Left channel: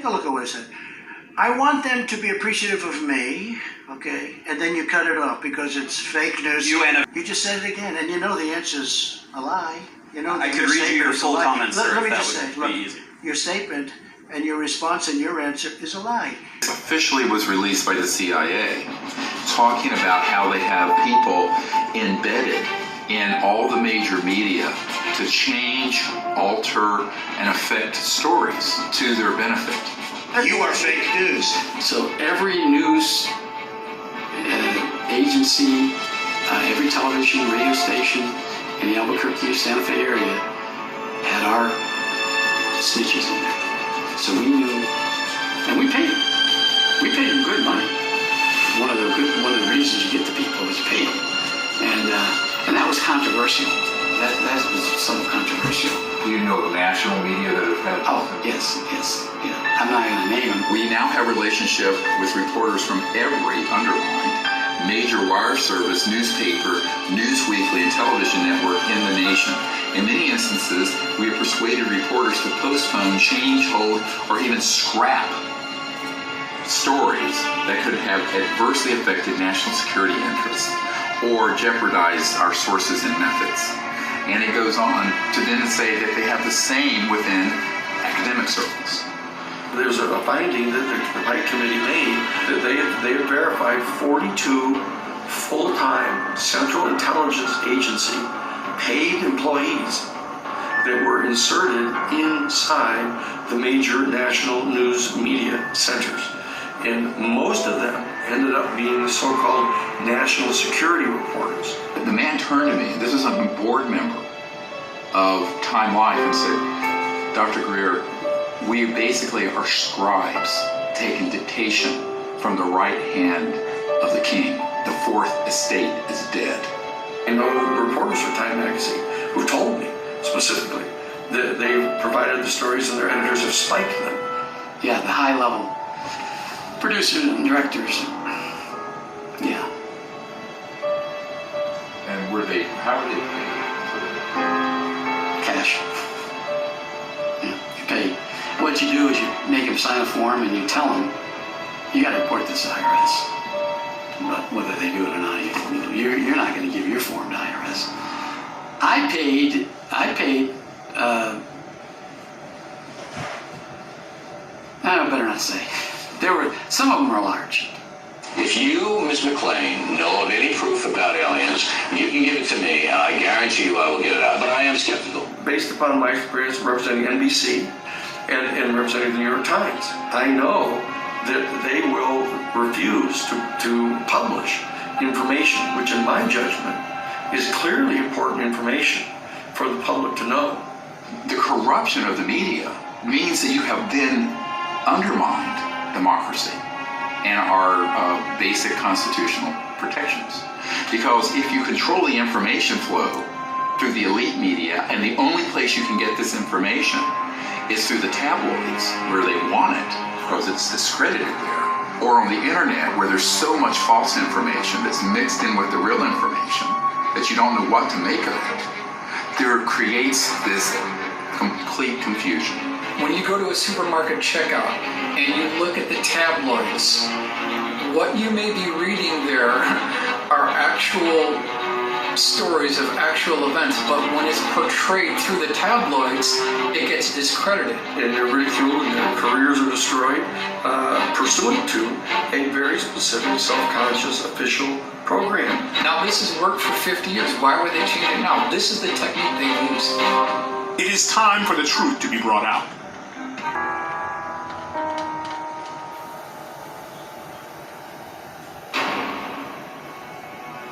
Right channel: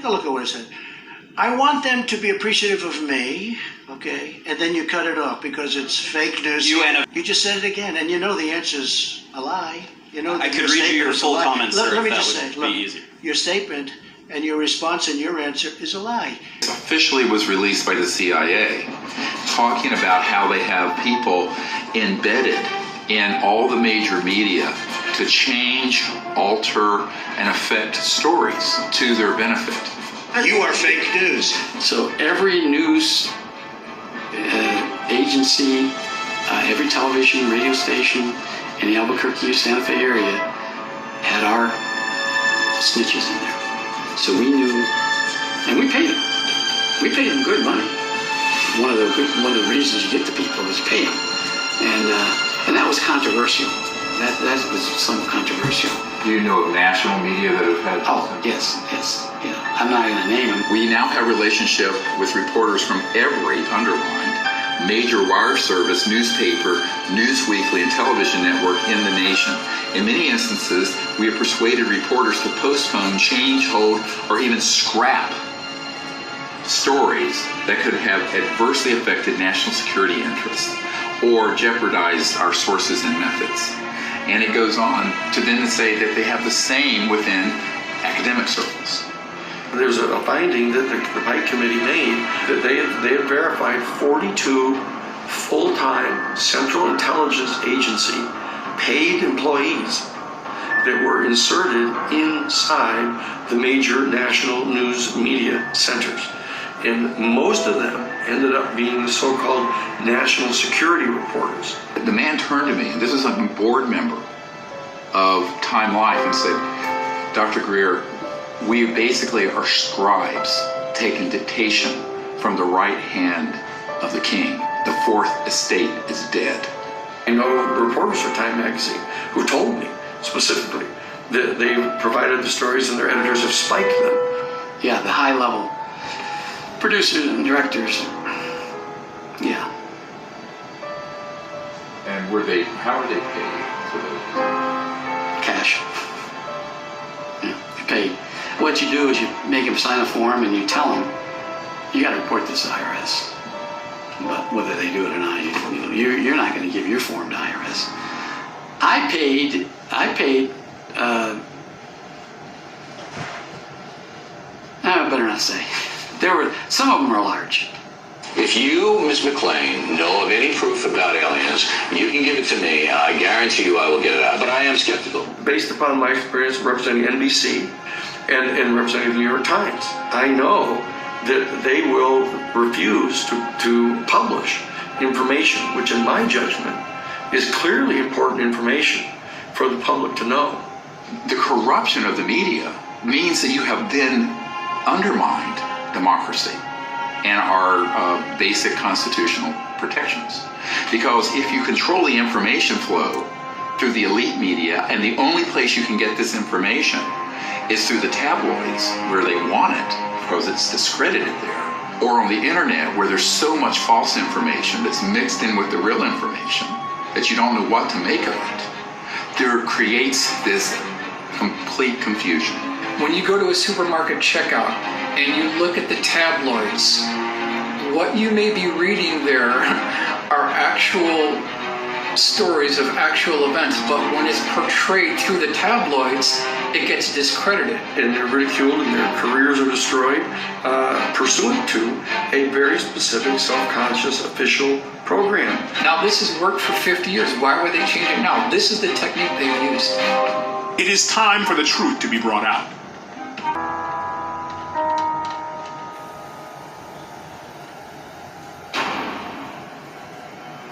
take a look at what it said. I want them to be appreciative of me, okay? And then you cut it off because it's fake news. You just said it again, and you know the answer's a lie. You know, I could read you your full comments, sir, let me if just that say, would look, be easy. your statement and your response and your answer is a lie. Officially was released by the CIA, talking about how they have people embedded in all the major media to change, alter, and affect stories to their benefit. You are fake news. So every news agency, every television, radio station in the Albuquerque, Santa Fe area had our snitches in there. So we knew, and we paid them. We paid them good money. One of the reasons you get the people is you pay them, and that was controversial. That was somewhat controversial. Do you know of national media that have had? Oh, yes. Yeah. I'm not going to name them. We now have a relationship with reporters from every underlined major wire service, newspaper, news weekly, and television network in the nation. In many instances, we have persuaded reporters to postpone, change, hold, or even scrap stories that could have adversely affected national security interests or jeopardized our sources and methods. And it goes on to then say that they have the same within academic circles. There's a finding that the Pike Committee made that they had verified 42 full-time Central Intelligence Agency paid employees that were inserted inside the major national news media centers. And most of them ended up being so-called national security reporters. The man turned to me, and this is a board member of Time Life, and said, Dr. Greer, we basically are scribes taking dictation from the right hand of the king. The fourth estate is dead. I know reporters for Time magazine who told me specifically that they provided the stories and their editors have spiked them. Yeah, the high level producers and directors. Yeah. And how were they paid for that? Cash. Yeah, you pay. What you do is you make them sign a form and you tell them, you got to report this to IRS. But whether they do it or not, you're not going to give your form to IRS. I paid, I better not say. Some of them were large. If you, Ms. McLean, know of any proof about aliens, you can give it to me, and I guarantee you I will get it out. But I am skeptical. Based upon my experience representing NBC and representing the New York Times, I know that they will refuse to publish information, which in my judgment is clearly important information for the public to know. The corruption of the media means that you have then undermined democracy and our basic constitutional protections. Because if you control the information flow through the elite media, and the only place you can get this information is through the tabloids where they want it because it's discredited there, or on the internet where there's so much false information that's mixed in with the real information that you don't know what to make of it, there creates this complete confusion. When you go to a supermarket checkout and you look at the tabloids, what you may be reading there are actual stories of actual events, but when it's portrayed through the tabloids, it gets discredited. And they're ridiculed and their careers are destroyed pursuant to a very specific self-conscious official program. Now this has worked for 50 years. Why would they change it now? This is the technique they've used. It is time for the truth to be brought out.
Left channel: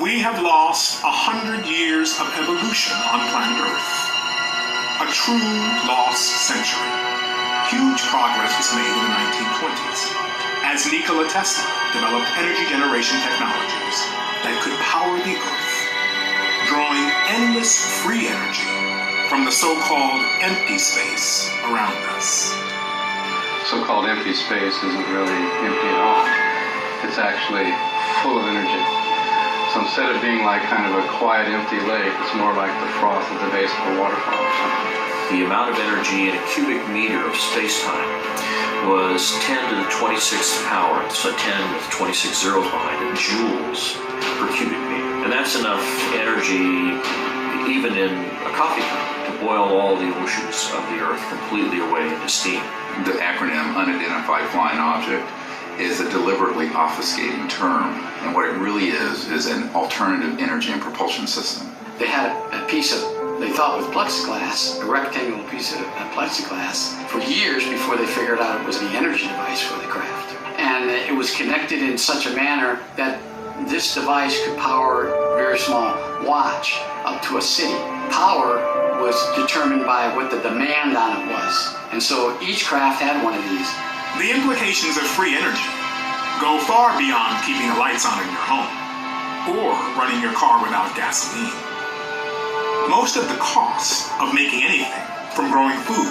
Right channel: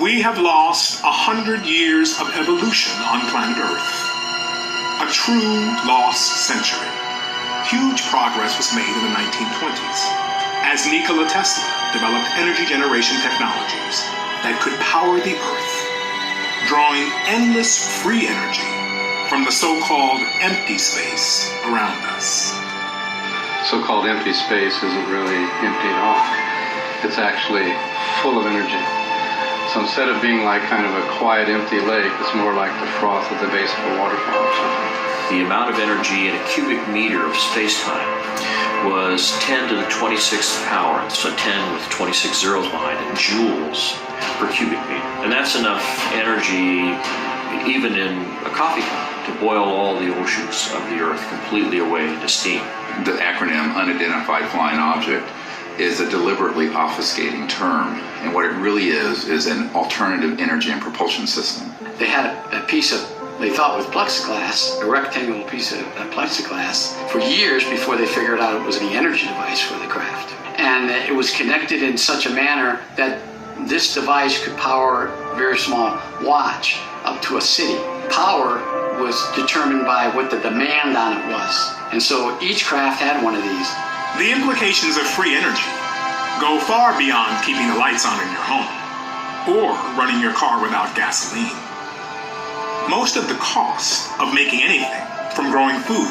We have lost 100 years of evolution on planet Earth. A true lost century. Huge progress was made in the 1920s as Nikola Tesla developed energy generation technologies that could power the Earth, drawing endless free energy from the so-called empty space around us. So-called empty space isn't really empty at all. It's actually full of energy. So instead of being like kind of a quiet, empty lake, it's more like the froth at the base of a waterfall or something. the amount of energy in a cubic meter of space-time was 10 to the 26th power, so 10 with 26 zeros behind it, joules per cubic meter. And that's enough energy, even in a coffee cup, to boil all the oceans of the Earth completely away into steam. The acronym Unidentified Flying Object is a deliberately obfuscating term, and what it really is an alternative energy and propulsion system. They had a piece of, they thought with plexiglass, a rectangular piece of plexiglass, for years before they figured out it was the energy device for the craft. And it was connected in such a manner that this device could power a very small watch up to a city. Power was determined by what the demand on it was. And so each craft had one of these. The implications of free energy go far beyond keeping the lights on in your home or running your car without gasoline. Most of the cost of making anything, from growing food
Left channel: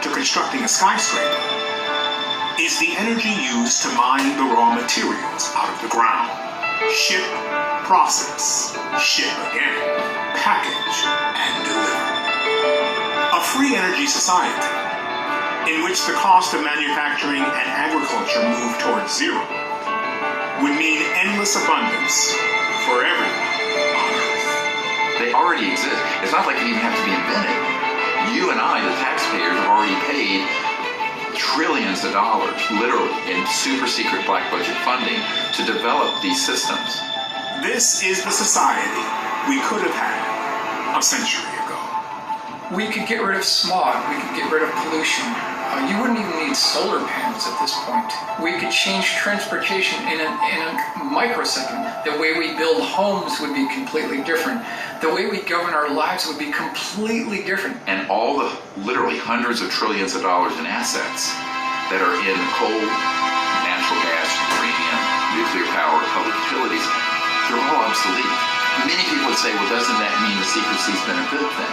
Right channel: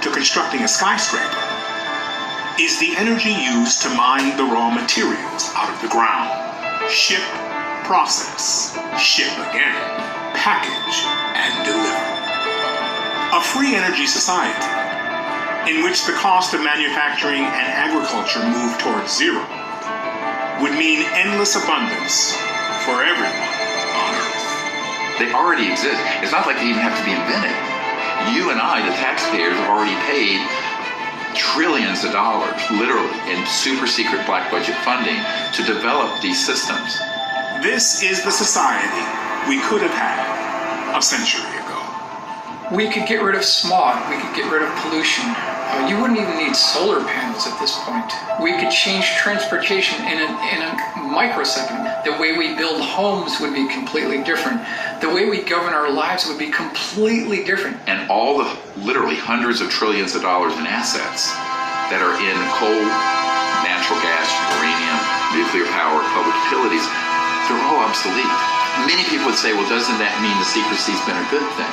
to constructing a skyscraper, is the energy used to mine the raw materials out of the ground. Ship, process, ship again, package, and deliver. A free energy society in which the cost of manufacturing and agriculture move towards zero would mean endless abundance for everyone on Earth. They already exist. It's not like they even have to be invented. You and I, the taxpayers, have already paid trillions of dollars, literally, in super secret black budget funding to develop these systems. This is the society we could have had a century ago. We could get rid of smog, we could get rid of pollution. You wouldn't even need solar panels at this point. We could change transportation in a microsecond. The way we build homes would be completely different. The way we govern our lives would be completely different. And all the literally hundreds of trillions of dollars in assets that are in coal, natural gas, uranium, nuclear power, public utilities, they're all obsolete. Many people would say, well, doesn't that mean the secrecy's been a good thing?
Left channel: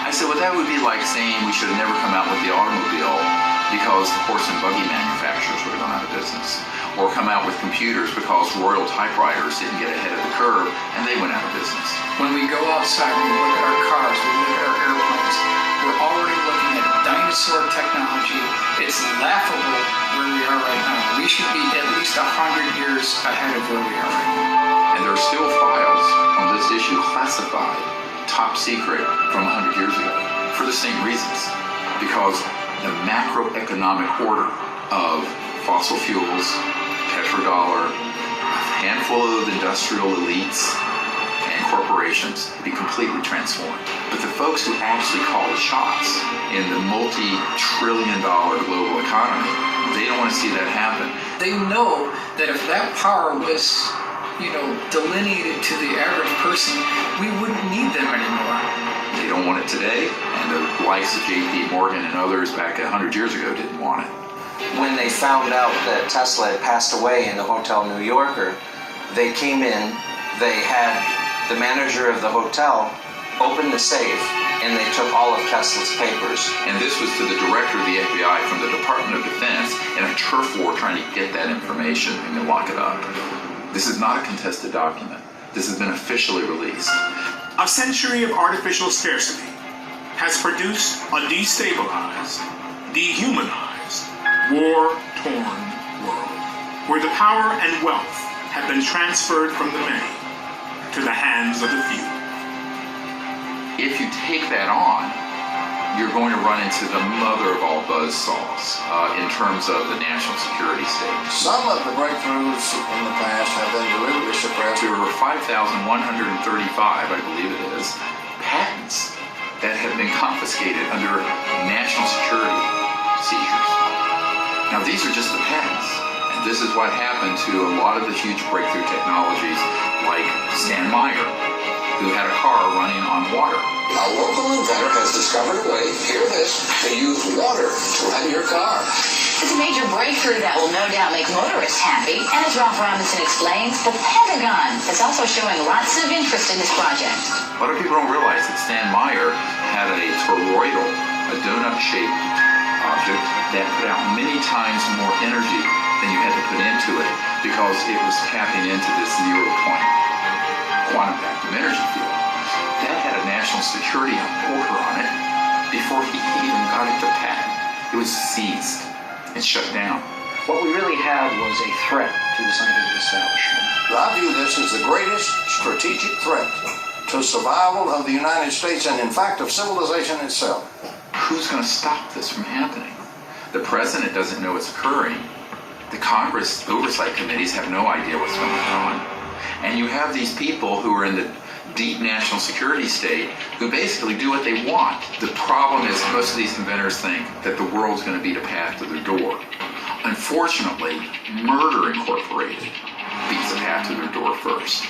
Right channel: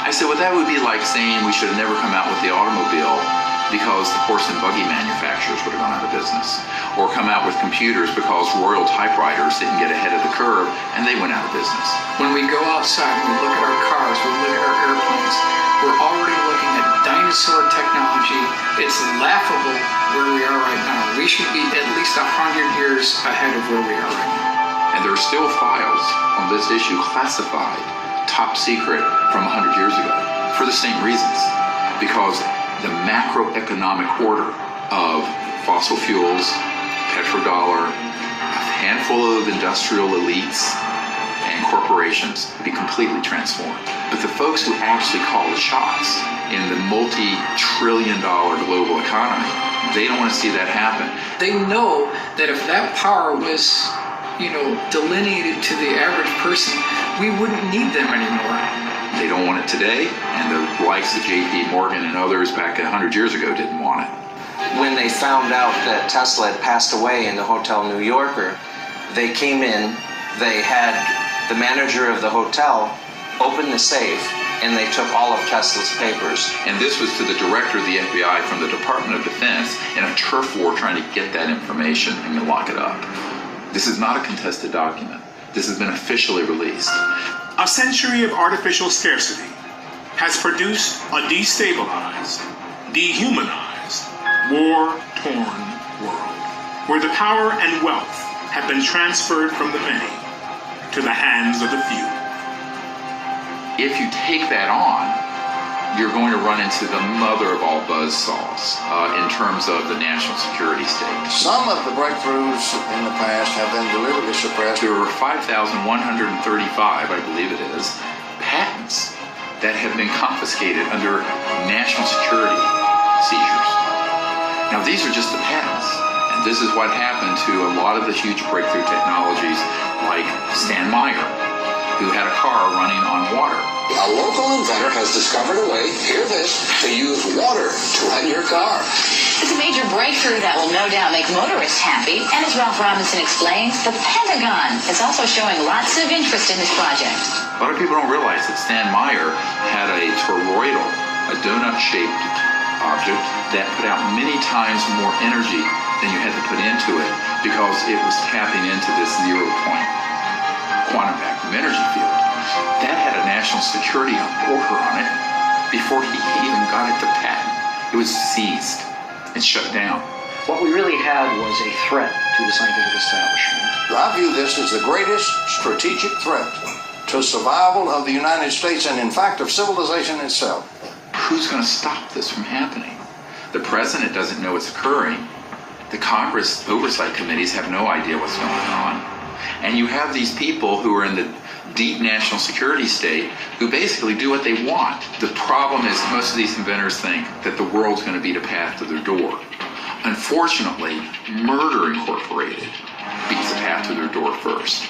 I said, well, that would be like saying we should have never come out with the automobile because the horse and buggy manufacturers would have gone out of business. Or come out with computers because Royal typewriters didn't get ahead of the curve and they went out of business. When we go outside, we look at our cars, we look at our airplanes, we're already looking at dinosaur technology. It's laughable where we are right now. We should be at least 100 years ahead of where we are right now. And there are still files on this issue classified top secret from 100 years ago for the same reasons, because the macroeconomic order of fossil fuels, petrodollar, a handful of industrial elites and corporations be completely transformed. But the folks who actually call the shots in the multi-trillion-dollar global economy, they don't want to see that happen. They know that if that power was delineated to the average person, we wouldn't need them anymore. They don't want it today, and the likes of J.P. Morgan and others back 100 years ago didn't want it. When they found out that Tesla had passed away in the Hotel New Yorker, they came in, they had the manager of the hotel open the safe, and they took all of Tesla's papers. And this was to the director of the FBI from the Department of Defense in a turf war trying to get that information and lock it up. This is not a contested document. This has been officially released. A century of artificial scarcity has produced a destabilized, dehumanized, war-torn world, where the power and wealth have been transferred from the many to the hands of the few. If you take that on, you're going to run into the mother of all buzzsaws in terms of the national security state. Some of the breakthroughs in the past have been deliberately suppressed. There were 5,135, I believe it is, patents that have been confiscated under national security seizures. Now, these are just the patents. And this is what happened to a lot of the huge breakthrough technologies like Stan Meyer, who had a car running on water. A local inventor has discovered a way, hear this, to use water to run your car. It's a major breakthrough that will no doubt make motorists happy. And as Ralph Robinson explains, the Pentagon is also showing lots of interest in this project. A lot of people don't realize that Stan Meyer had a toroidal, a donut-shaped object that put out many times more energy than you had to put into it because it was tapping into this zero-point quantum vacuum energy field. That had a national security order on it before he even got it to patent. It was seized and shut down. What we really had was a threat to the scientific establishment. I view this as the greatest strategic threat to survival of the United States and, in fact, of civilization itself. Who's going to stop this from happening? The president doesn't know it's occurring. The Congress oversight committees have no idea what's going on. And you have these people who are in the deep national security state who basically do what they want. The problem is most of these inventors think that the world's going to beat a path to their door. Unfortunately, Murder Incorporated beats a path to their door first.